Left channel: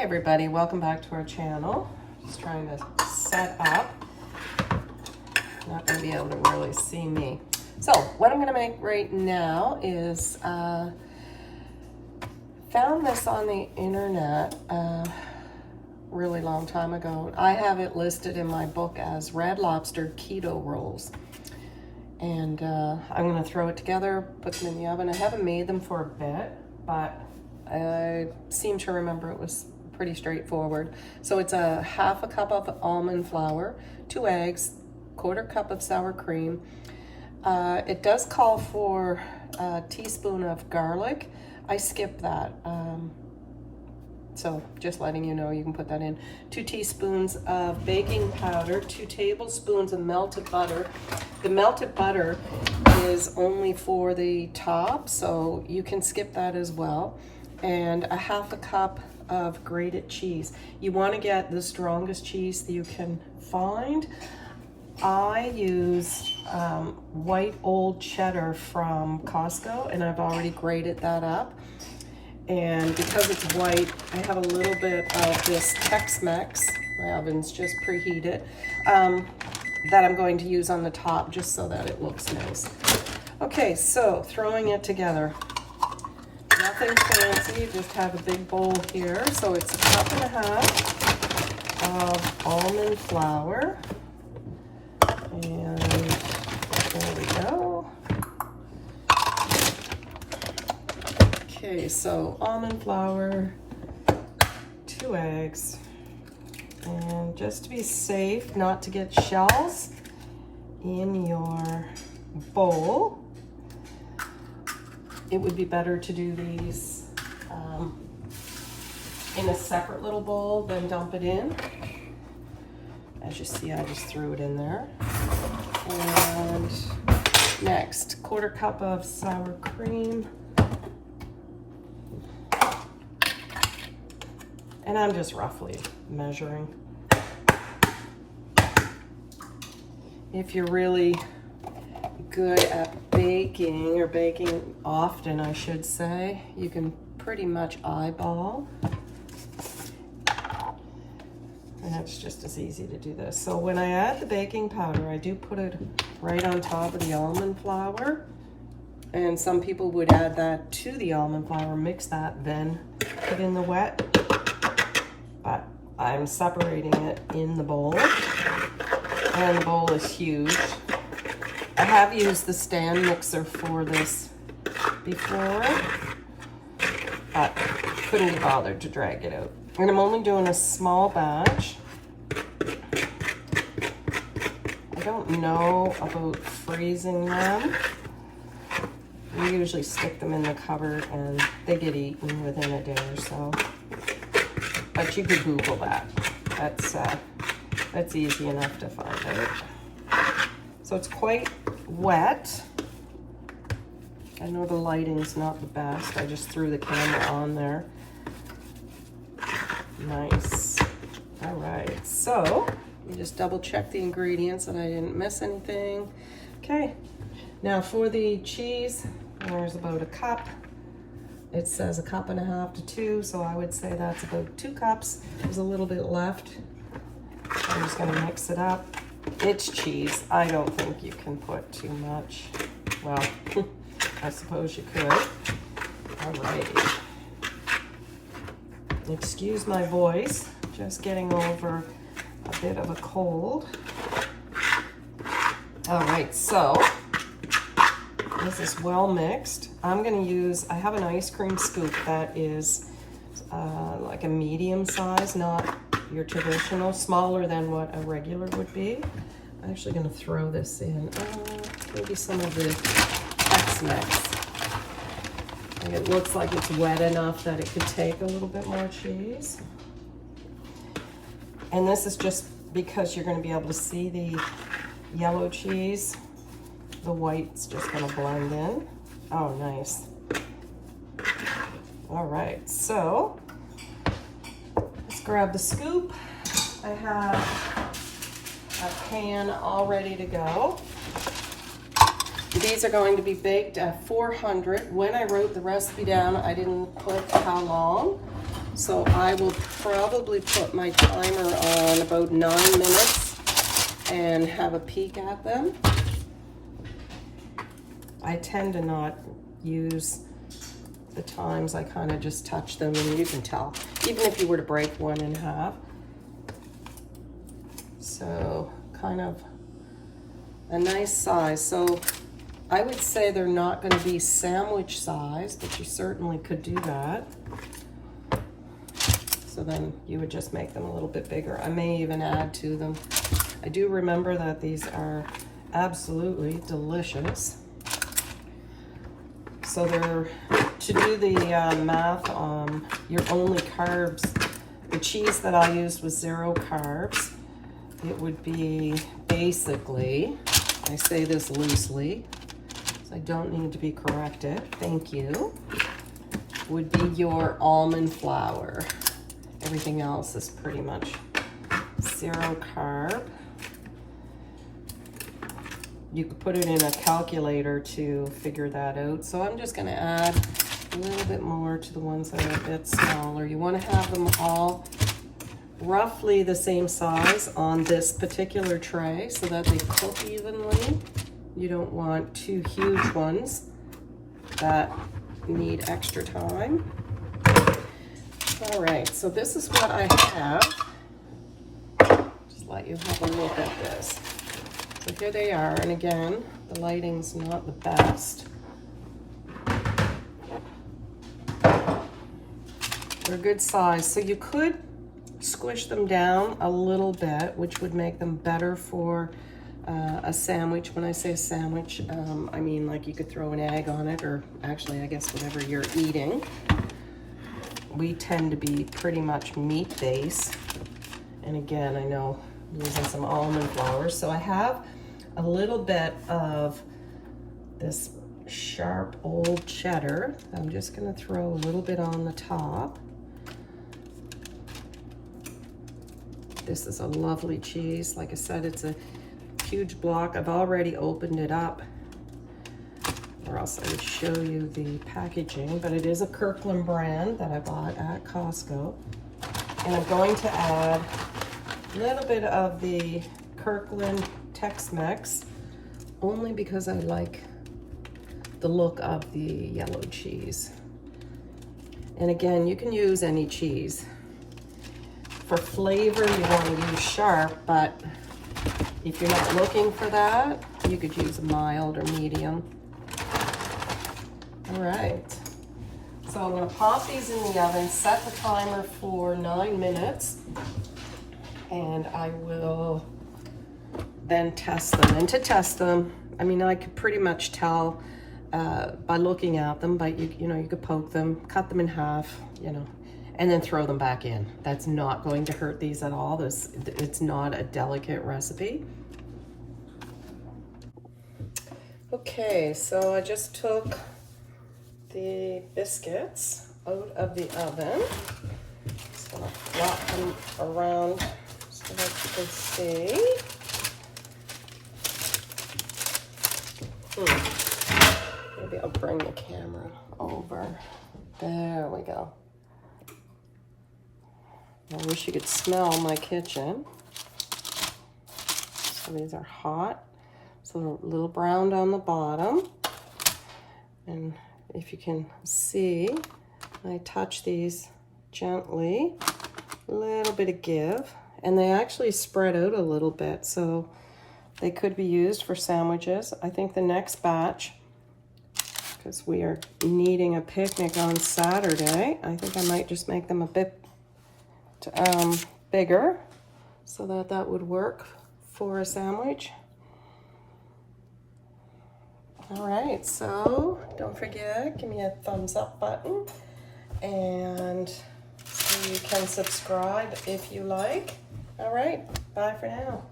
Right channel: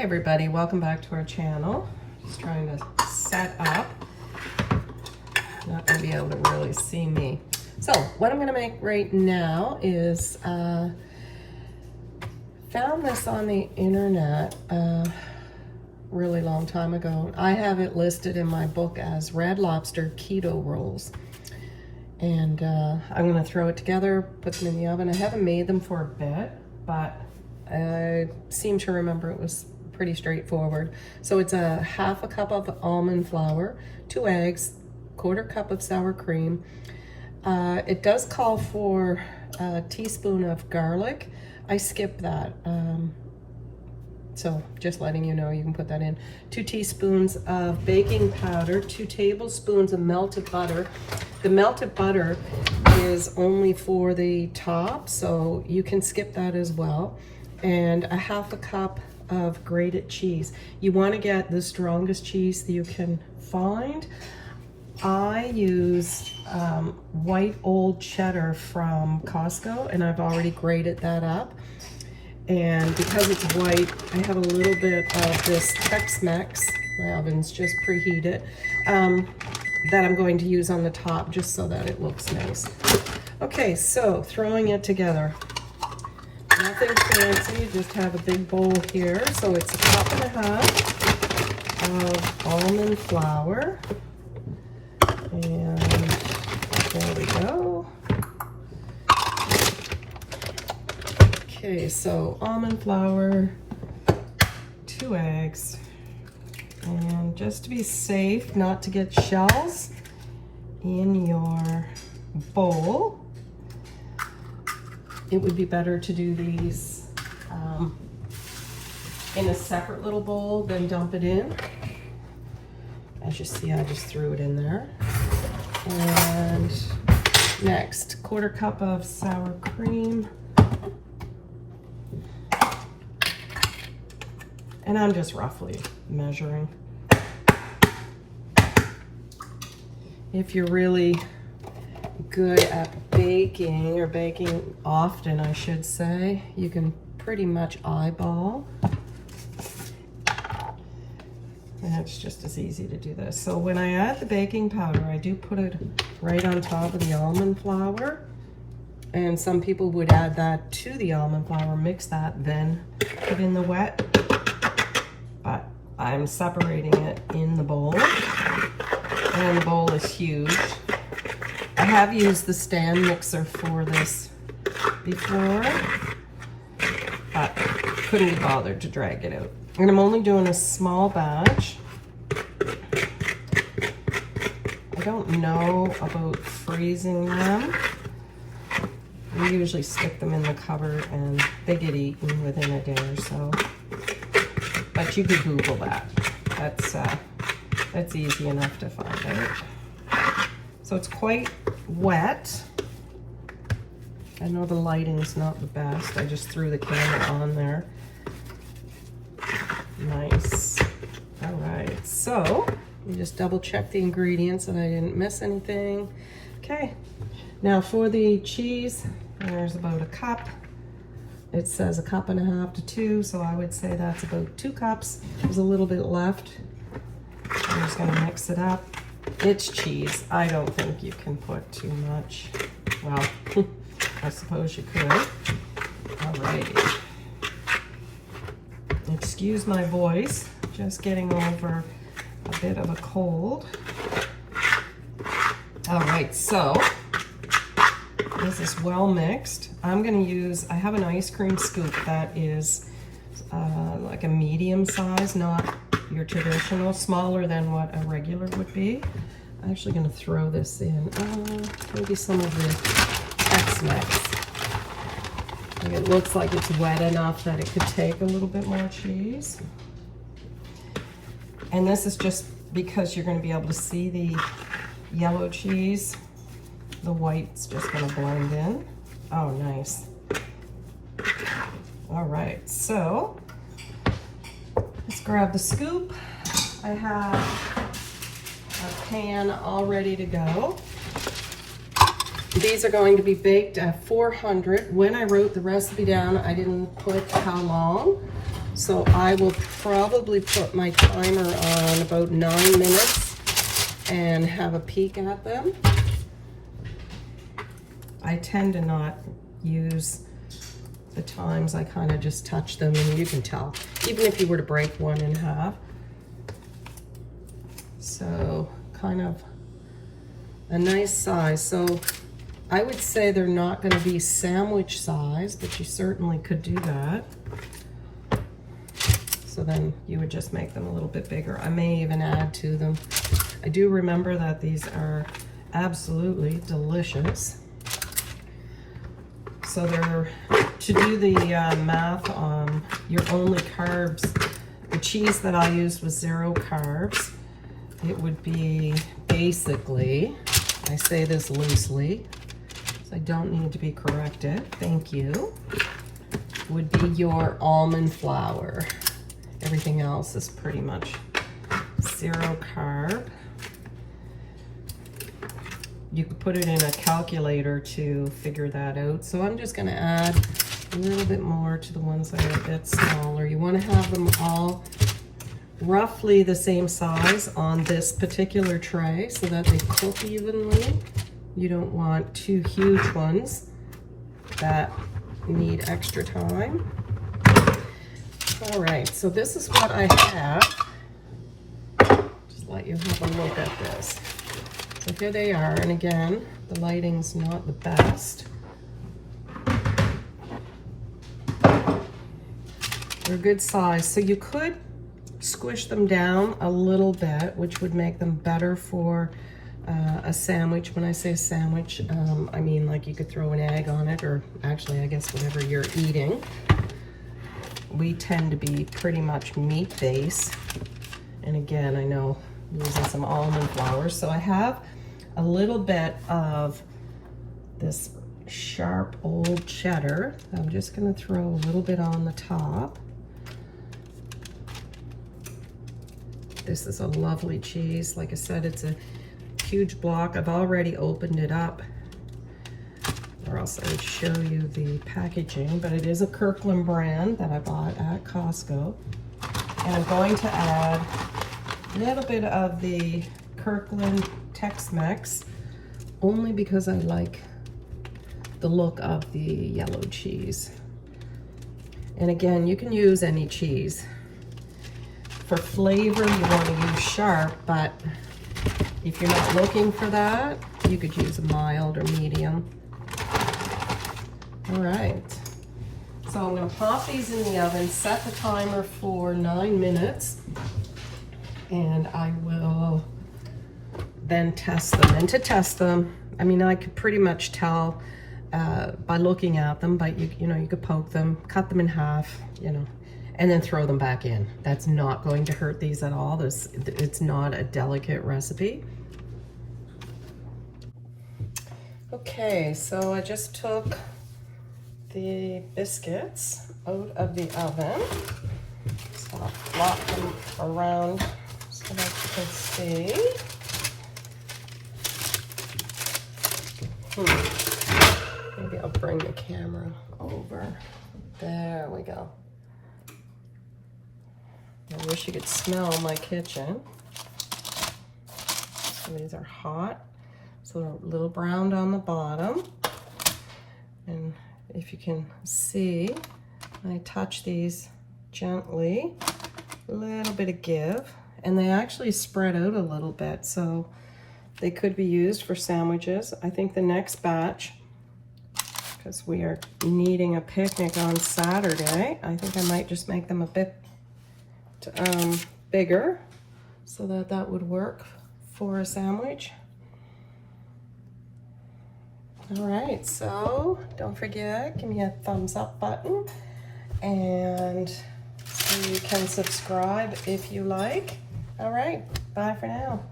Hey everybody, welcome back to our channel. Just trying to set up. Not gonna be able to really see me. So what I'm gonna make right now is found this on the internet a really long time ago. I have it listed in my book as red lobster keto rolls. And I'm gonna throw it together, put them in the oven. I haven't made them for a bit, but I seem to remember it was pretty straightforward. So it's a half a cup of almond flour, 2 eggs, 1/4 cup of sour cream. It does call for a teaspoon of garlic. I skipped that. So just letting you know, you can put that in. 2 teaspoons of baking powder, 2 tablespoons of melted butter. The melted butter is only for the top, so you can skip that as well. And a half a cup of grated cheese. You want to get the strongest cheese that you can find. I use white old cheddar from Costco, and I've already grated that up. And because it's white, I have a little bit of this Tex-Mex, my oven's just preheated, that I'm going to use on the top just so that it looks nice. Okay, so throwing it together. Nothing fancy, just have a big bowl here. So it's 1.5 cups of almond flour. And there we go. Okay, so almond flour, 2 eggs. And just to be safe, not to get shells in your bowl, it would be better to do these in a separate little bowl than dump it in. As you see, I just threw it in there. And next, 1/4 cup of sour cream. And I'm just roughly measuring. If you're really good at baking, or baking often I should say, you can pretty much eyeball. And it's just as easy to do this. So when I add the baking powder, I do put it right on top of the almond flour. And some people would add that to the almond flour, mix that, then put in the wet. But I'm separating it in the bowl. And the bowl is huge. I have used the stand mixer for this before, but couldn't be bothered to drag it out. And I'm only doing a small batch. I don't know about freezing them. We usually stick them in the cupboard and they get eaten within a day or so. But you could Google that. That's easy enough to find it. So it's quite wet. I know the lighting's not the best. I just threw the camera on there. Nice. All right, so we just double check the ingredients that I didn't miss anything. Okay, now for the cheese, there's about 1 cup. It says 1.5 cups to 2, so I would say that's about 2 cups. There's a little bit left. I'm just gonna mix it up. It's cheese. I don't think you can put too much. Well, I suppose you could. Alrighty. Excuse my voice, just getting over a bit of a cold. All right, so this is well mixed. I'm gonna use, I have an ice cream scoop that is like a medium size, not your traditional, smaller than what a regular would be. I'm actually gonna throw this in, maybe some of the Tex-Mex. It looks like it's wet enough that it could take a little bit more cheese. And this is just because you're gonna be able to see the yellow cheese. The white's just gonna blend in. Oh, nice. All right, so let's grab the scoop. I have a pan all ready to go. These are going to be baked at 400. When I wrote the recipe down, I didn't put how long. So I will probably put my timer on about 9 minutes and have a peek at them. I tend to not use the times. I kind of just touch them and you can tell, even if you were to break one in half. So kind of a nice size. So I would say they're not going to be sandwich size, but you certainly could do that. So then you would just make them a little bit bigger. I may even add to them. I do remember that these are absolutely delicious. So they're, to do the math on your only carbs, the cheese that I used was 0 carbs. It would be basically, I say this loosely, so I don't need to be corrected, thank you, would be your almond flour. Everything else is pretty much 0 carb. You could put it in a calculator to figure that out. So I'm just gonna add a little bit more to the ones that are a bit smaller. You wanna have them all roughly the same size on this particular tray so that they cook evenly. You don't want 2 huge ones that need extra time. All right, so this is what I have. Just let you have a look at this. So here they are, and again, the lighting's not the best. They're a good size, so you could squish them down a little bit, which would make them better for a sandwich. When I say sandwich, I mean like you could throw an egg on it, or actually I guess whatever you're eating. We tend to be pretty much meat-based, and again, I know I'm using some almond flour. So I have a little bit of this sharp old cheddar. I'm just gonna throw a little bit on the top. This is a lovely cheese. Like I said, it's a huge block. I've already opened it up, or else I would show you the packaging, but it is a Kirkland brand that I bought at Costco. And I'm going to add a little bit of the Kirkland Tex-Mex, only because I like the look of the yellow cheese. And again, you can use any cheese. For flavor, you want to use sharp, but if you're not looking for that, you could use a mild or medium. All right, so I'm going to pop these in the oven, set the timer for 9 minutes, and I will then test them. And to test them, I mean, I could pretty much tell by looking at them, but you know, you could poke them, cut them in half, you know, and then throw them back in. That's not going to hurt these at all. It's not a delicate recipe. Okay, so I just took the biscuits out of the oven. So I'll flop them around so that you can see. Maybe I'll bring the camera over. There we go. I wish you could smell my kitchen. So these are hot. So a little browned on the bottom. And if you can see, I touch these gently, a little bit of give, and they actually spread out a little bit, so they could be used for sandwiches. I think the next batch, because we are needing a picnic on Saturday, I think I might just make them a bit bigger so that would work for a sandwich. All right, so don't forget, give me a thumbs up button, and so you can subscribe if you like. All right, bye for now.